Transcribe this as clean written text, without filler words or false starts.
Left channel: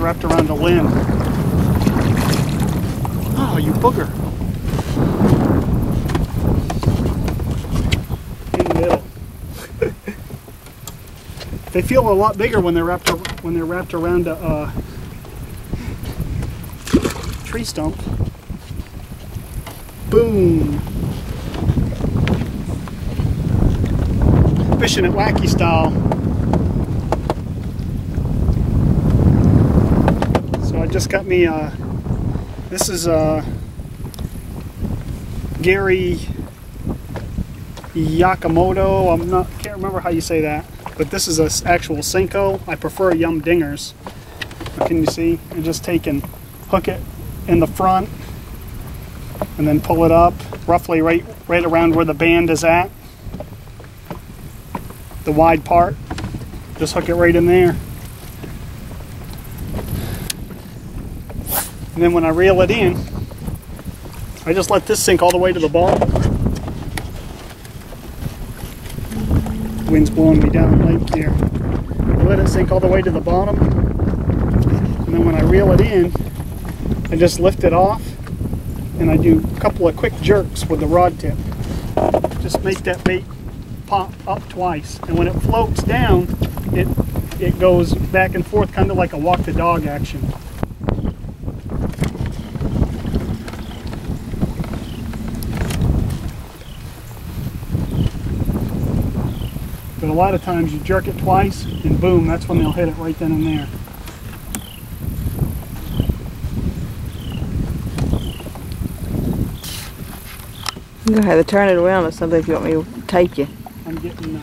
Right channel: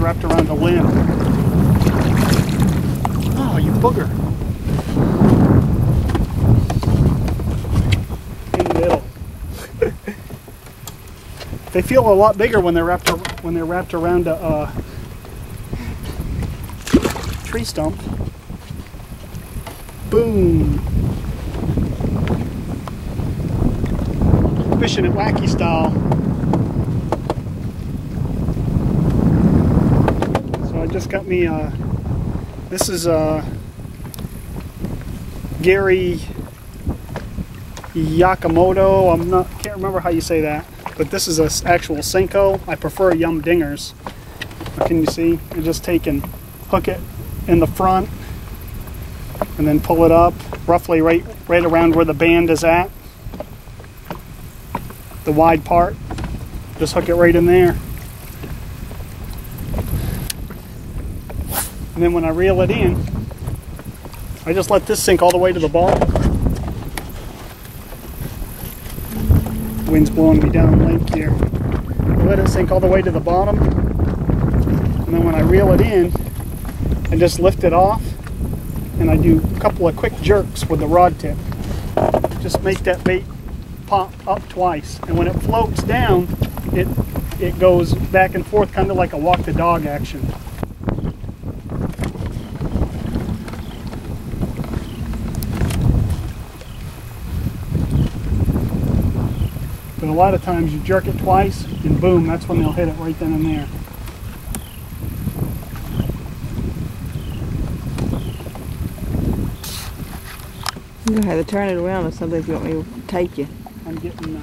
is wrapped around a limb. Oh, you booger. In the middle. They feel a lot bigger when they're wrapped around a tree stump. Boom. Fishing at Wacky style. So I just got me this is Gary Yakamoto. Can't remember how you say that, but this is an actual Senko. I prefer Yum Dingers. What can you see? I just take and hook it in the front and then pull it up roughly right around where the band is at, the wide part. Just hook it right in there, and then when I reel it in, I just let this sink all the way to the bottom. Wind's blowing me down lake here. I let it sink all the way to the bottom, and then when I reel it in, I just lift it off and I do a couple of quick jerks with the rod tip. Just make that bait pop up twice, and when it floats down, it goes back and forth, kind of like a walk the dog action. But a lot of times you jerk it twice and boom, that's when they'll hit it right then and there. You have to turn it around or something if you want me to take you. I'm getting